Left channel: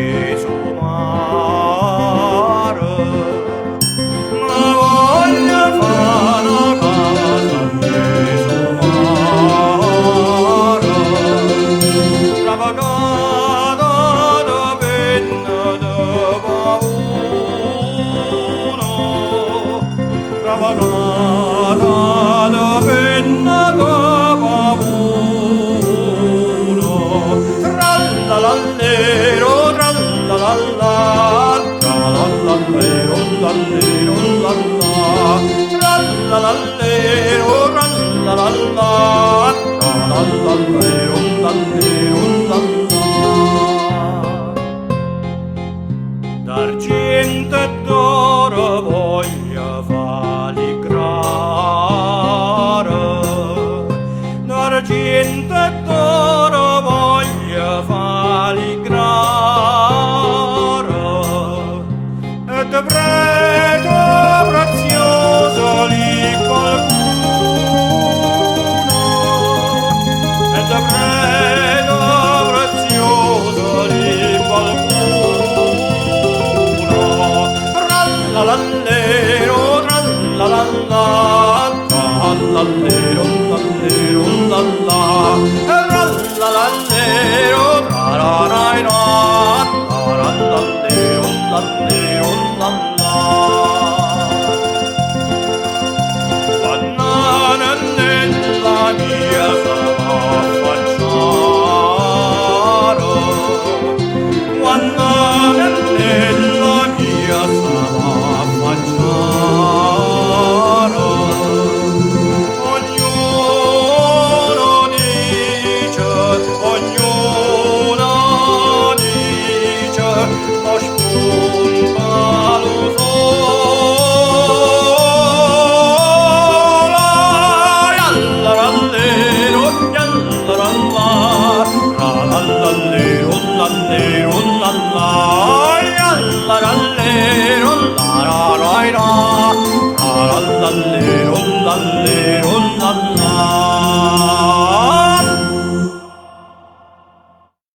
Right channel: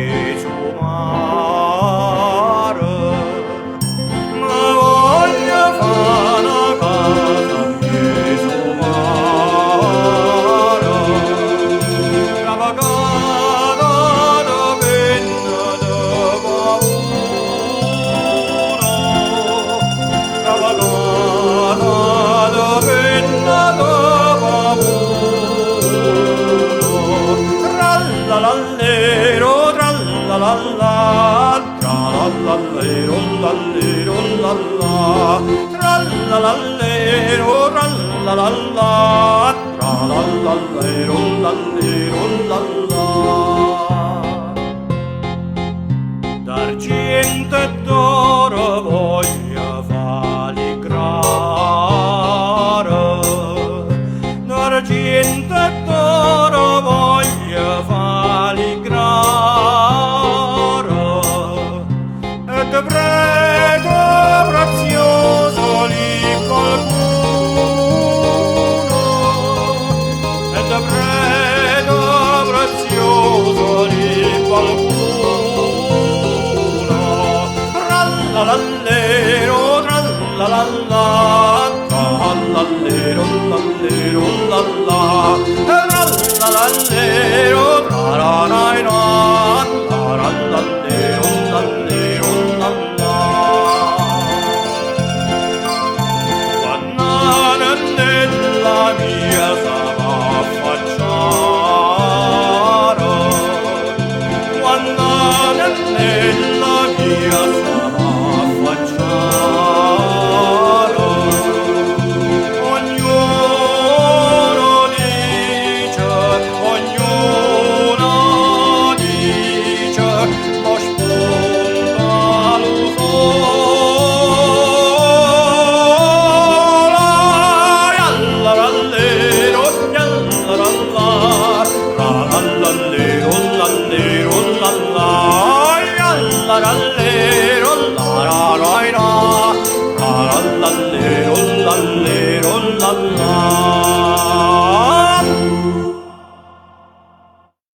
Gesù mare, ma voglio fare una casa a Gesù mare, ravagata da penna da paura, ravagata da penna da paura, trallallero, trallallalla, trallallero, lallero, lalla, trallallero, trallallalla, trallallero, lallero, lalla. D'argento e d'oro voglio faligrare, d'argento e d'oro voglio faligrare, e de preto prezioso lì qualcuno, e de preto prezioso lì qualcuno, trallallero, trallallalla, trallallero, lallero, lalla, trallallero, trararaina, trallallero, lallero, lalla. Quando nella mia sarà affacciare, quando nella mia sarà affacciare, ognuno dice, ma spunta lo sole, yallarallero, yallaralla, trallallero, lallero, lalla, yallarallero, lararaira, trallallero, lallero, lalla.